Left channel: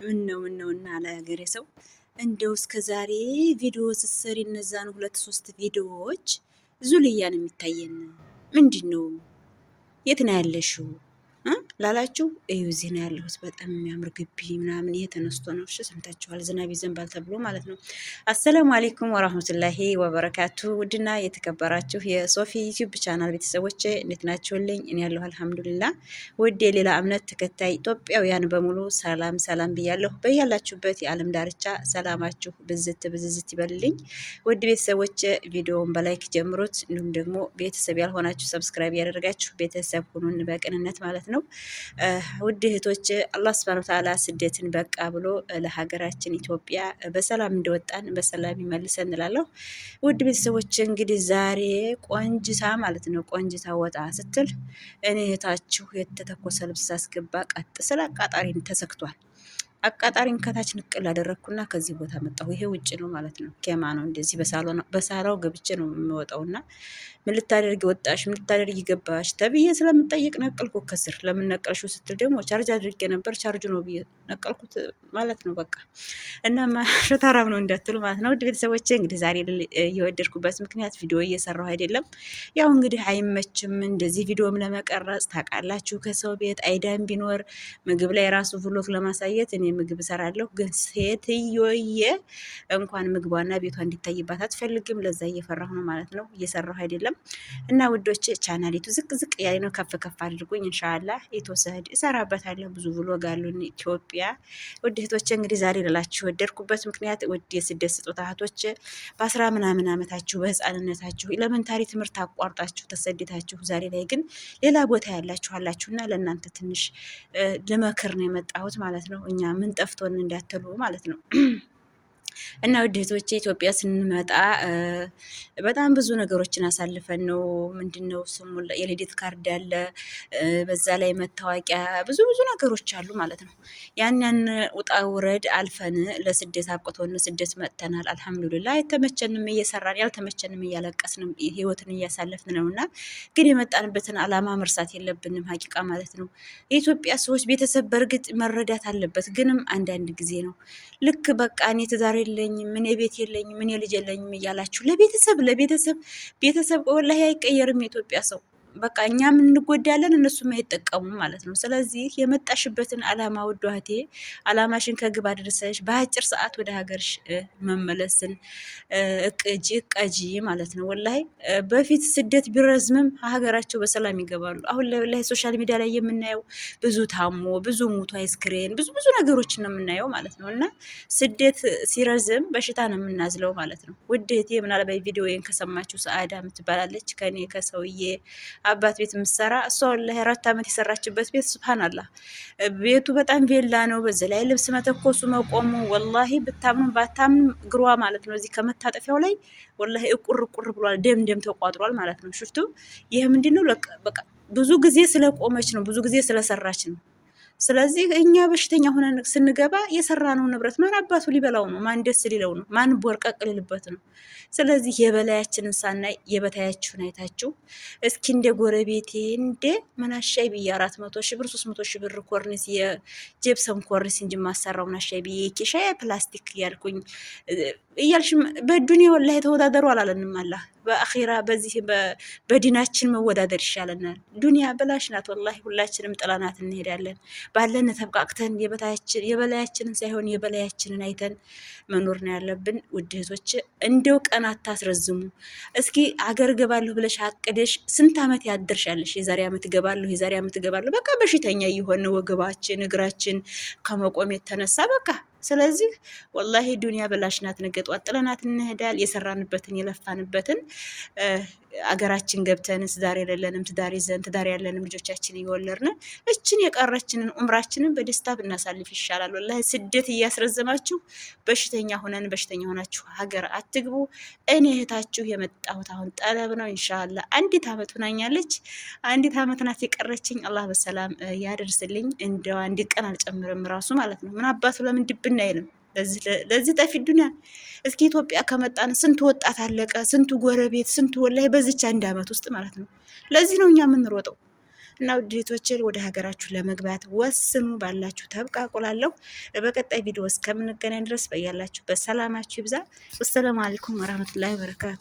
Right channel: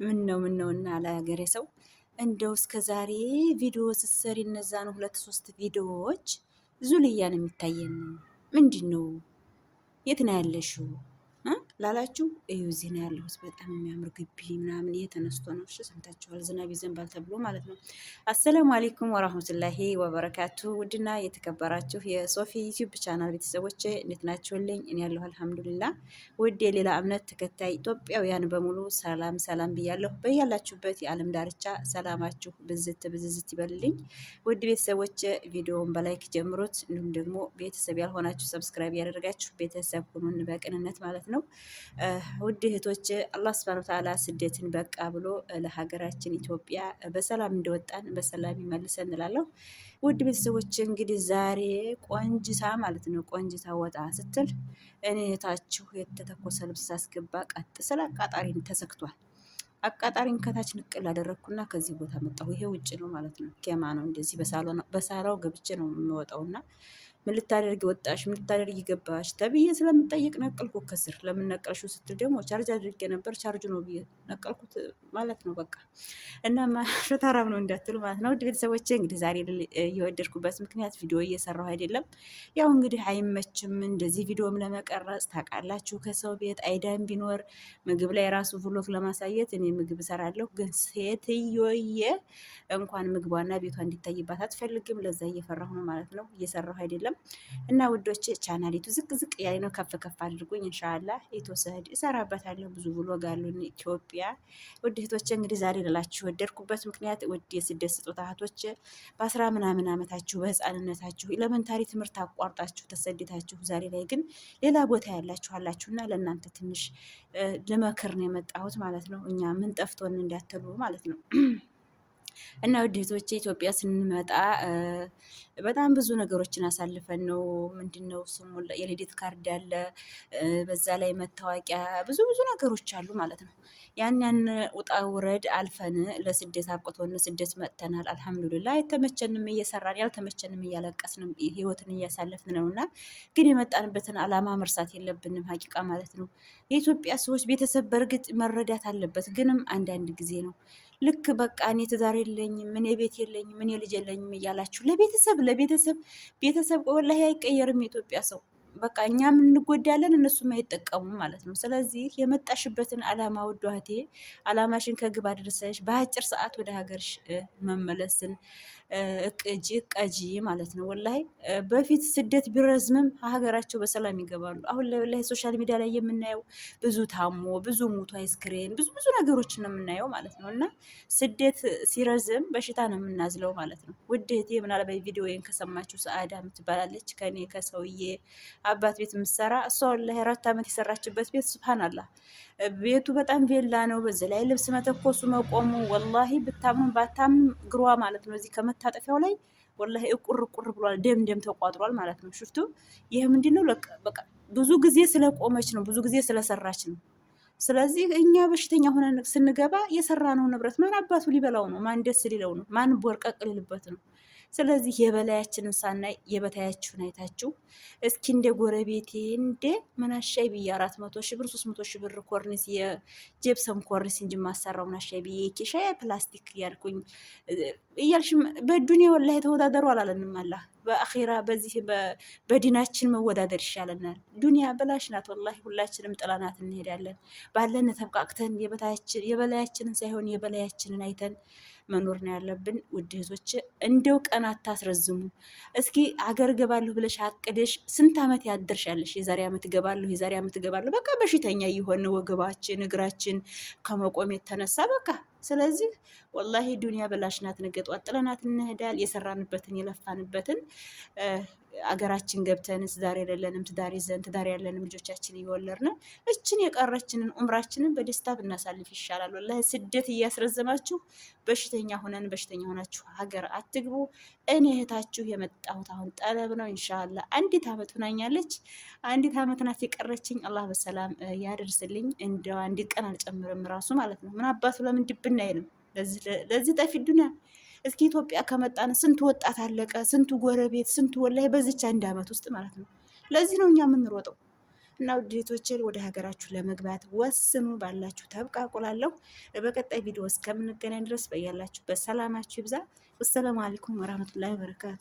ምን ነው እና ለሀገሬ ሰው እንደው እስከ ዛሬ ቪዲዮ ስትሰሪ እነዛን 2 3 ቪዲዮዎች ዙልያ ነው የሚታየን። ምንድን ነው? የት ነው ያለሽው ላላችሁ እዩ። እዚህ ነው ያለሁት። በጣም የሚያምር ግቢ ምናምን ይሄ ተነስቶ ነው። እሺ ሰምታችኋል። ዝናብ ይዘንባል ተብሎ ማለት ነው። አሰላሙ አሌይኩም ወራህመቱላሂ ወበረካቱ። ውድና የተከበራችሁ የሶፊ ዩቲዩብ ቻናል ቤተሰቦች እንዴት ናችሁልኝ? እኔ ያለሁ አልሐምዱሊላ። ውድ የሌላ እምነት ተከታይ ኢትዮጵያውያን በሙሉ ሰላም ሰላም ብያለሁ። በያላችሁበት የዓለም ዳርቻ ሰላማችሁ ብዝት ይበልልኝ። ውድ ቤተሰቦች ቪዲዮውን በላይክ ጀምሩት። እንዲሁም ደግሞ ቤተሰብ ያልሆናችሁ ሰብስክራይብ ያደረጋችሁ ቤተሰብ ሁኑን በቅንነት ማለት ነው። ውድ እህቶች አላህ ሱብሃነሁ ወተዓላ ስደትን በቃ ብሎ ለሀገራችን ኢትዮጵያ በሰላም እንደወጣን በሰላም ይመልሰን እንላለሁ። ውድ ቤተሰቦች እንግዲህ ዛሬ ቆንጅታ ማለት ነው ቆንጅታ ወጣ ስትል እኔ እህታችሁ የተተኮሰ ልብስ ሳስገባ ቀጥ ስለ አቃጣሪን ተሰክቷል። አቃጣሪን ከታች ንቅል አደረግኩና ከዚህ ቦታ መጣሁ። ይሄ ውጭ ነው ማለት ነው። ኬማ ነው እንደዚህ በሳራው ገብቼ ነው የምወጣውና ምን ልታደርጊ ወጣሽ? ምን ልታደርጊ ገባሽ? ተብዬ ስለምጠይቅ ነቀልኩ ከስር። ለምን ነቀልሽው ስትል ደግሞ ቻርጅ አድርጌ ነበር ቻርጅ ነው ብዬ ነቀልኩት ማለት ነው። በቃ እና ሸታራም ነው እንዳትሉ ማለት ነው። ውድ ቤተሰቦቼ እንግዲህ ዛሬ እየወደድኩበት ምክንያት ቪዲዮ እየሰራሁ አይደለም። ያው እንግዲህ አይመችም እንደዚህ ቪዲዮም ለመቀረጽ ታውቃላችሁ። ከሰው ቤት አይዳም ቢኖር ምግብ ላይ ራሱ ብሎግ ለማሳየት እኔ ምግብ እሰራለሁ። ግን ሴትዮዬ እንኳን ምግቧና ቤቷ እንዲታይባት አትፈልግም። ለዛ እየፈራሁ ነው ማለት ነው። እየሰራሁ አይደለም እና ውዶች ቻናሊቱ ዝቅ ያለ ነው። ከፍ አድርጉኝ ኢንሻአላህ የተወሰደ እሰራበታለሁ። ብዙ ብሎግ አሉን ኢትዮጵያ። ውድ እህቶቼ እንግዲህ ዛሬ ልላችሁ ወደድኩበት ምክንያት ውድ የስደት ስጦታ እህቶቼ በ10 ምናምን ዓመታችሁ በህፃንነታችሁ ኤሌመንታሪ ትምህርት አቋርጣችሁ ተሰድታችሁ ዛሬ ላይ ግን ሌላ ቦታ ያላችሁ አላችሁና ለእናንተ ትንሽ ልመክር ነው የመጣሁት ማለት ነው። እኛ ምን ጠፍቶን እንዳትሉ ማለት ነው። እና ውድ እህቶቼ ኢትዮጵያ ስንመጣ በጣም ብዙ ነገሮችን አሳልፈን ነው። ምንድነው ስሙ የልደት ካርድ አለ፣ በዛ ላይ መታወቂያ፣ ብዙ ነገሮች አሉ ማለት ነው። ያን ውጣ ውረድ አልፈን ለስደት አብቅቶን ስደት መጥተናል። አልሐምዱሊላህ የተመቸንም እየሰራን ያልተመቸንም እያለቀስን ህይወትን እያሳለፍን ነውና ግን የመጣንበትን አላማ መርሳት የለብንም ሀቂቃ ማለት ነው። የኢትዮጵያ ሰዎች ቤተሰብ በእርግጥ መረዳት አለበት፣ ግንም አንዳንድ ጊዜ ነው ልክ በቃ እኔ ትዳር የለኝም ምን ቤት የለኝም ምን ልጅ የለኝም እያላችሁ ቤተሰብ ወላሂ አይቀየርም። የኢትዮጵያ ሰው በቃ እኛም እንጎዳለን እነሱም አይጠቀሙም ማለት ነው። ስለዚህ የመጣሽበትን አላማ ውድ እህቴ አላማሽን ከግብ አድርሰሽ በአጭር ሰዓት ወደ ሀገርሽ መመለስን እቀጂ ማለት ነው። ወላሂ በፊት ስደት ቢረዝምም ሀገራቸው በሰላም ይገባሉ። አሁን ላይ ሶሻል ሚዲያ ላይ የምናየው ብዙ ታሞ ብዙ ሙቶ አይስክሬን ብዙ ነገሮችን ነው የምናየው ማለት ነው። እና ስደት ሲረዝም በሽታ ነው የምናዝለው ማለት ነው። ውድ እህቴ ምናልባት ቪዲዮዬን ከሰማችሁ ሰአዳ የምትባላለች ከኔ ከሰውዬ አባት ቤት የምትሰራ እሷ ወላሂ 4 ዓመት የሰራችበት ቤት ሱብሃንአላህ ቤቱ በጣም ቬላ ነው። በዚህ ላይ ልብስ መተኮሱ መቆሙ ወላሂ ብታምኑ ባታምኑ ግሯ ማለት ነው እዚህ ከመታጠፊያው ላይ ወላሂ እቁር ብሏል። ደም ተቋጥሯል ማለት ነው። ሽፍቱ ይሄ ምንድነው? በቃ ብዙ ጊዜ ስለቆመች ነው፣ ብዙ ጊዜ ስለሰራች ነው። ስለዚህ እኛ በሽተኛ ሆነን ስንገባ የሰራነው ንብረት ማን አባቱ ሊበላው ነው? ማን ደስ ሊለው ነው? ማን ቦርቀቅ ሊልበት ነው? ስለዚህ የበላያችንን ሳናይ የበታያችሁን አይታችሁ እስኪ እንደ ጎረቤቴ እንደ መናሻይ ብዬ 400 ሺህ ብር 300 ሺህ ብር ኮርኒስ የጀብሰም ኮርኒስ እንጂ ማሰራው መናሻይ ብዬ ኬሻ ፕላስቲክ እያልኩኝ እያልሽ በዱንያ ወላሂ ተወዳደሩ አላለንም። አላህ በአኺራ በዚህ በዲናችን መወዳደር ይሻለናል። ዱንያ በላሽ ናት ወላሂ። ሁላችንም ጥላናት እንሄዳለን። ባለን ተብቃቅተን የበላያችንን ሳይሆን የበላያችንን አይተን መኖር ነው ያለብን። ውድ እህቶች እንደው ቀን አታስረዝሙ። እስኪ አገር ገባለሁ ብለሽ አቅደሽ ስንት ዓመት ያደርሻለሽ? የዛሬ ዓመት ገባለሁ በቃ በሽተኛ እየሆነ ወገባችን እግራችን ከመቆም የተነሳ በቃ ስለዚህ ወላሂ ዱንያ በላሽ ናት። ነገ ጧት ጥለናት እንሄዳል። የሰራንበትን የለፋንበትን አገራችን ገብተን ትዳር የሌለንም ትዳር ይዘን ትዳር ያለንም ልጆቻችን እየወለድን እችን የቀረችንን ኡምራችንን በደስታ ብናሳልፍ ይሻላል። ወላሂ ስደት እያስረዘማችሁ በሽተኛ ሆናችሁ ሀገር አትግቡ። እኔ እህታችሁ የመጣሁት አሁን ጠለብ ነው። ኢንሻአላህ 1 ዓመት ሆናኛለች። 1 ዓመት ናት የቀረችኝ። አላህ በሰላም ያደርስልኝ። እንደው 1 ቀን አልጨምርም ራሱ ማለት ነው። ምን አባቱ ለምን ድብና አይልም ለዚህ ጠፊ ዱንያ። እስኪ ኢትዮጵያ ከመጣን ስንቱ ወጣት አለቀ፣ ስንቱ ጎረቤት፣ ስንቱ ወላሂ በዚች 1 ዓመት ውስጥ ማለት ነው። ለዚህ ነው እኛ የምንሮጠው። እና ውዴቶችን ወደ ሀገራችሁ ለመግባት ወስኑ፣ ባላችሁ ተብቃቁላለሁ። በቀጣይ ቪዲዮ እስከምንገናኝ ድረስ በያላችሁ በሰላማችሁ ይብዛ። ወሰላሙ አለይኩም ወራህመቱላሂ ወበረካቱ።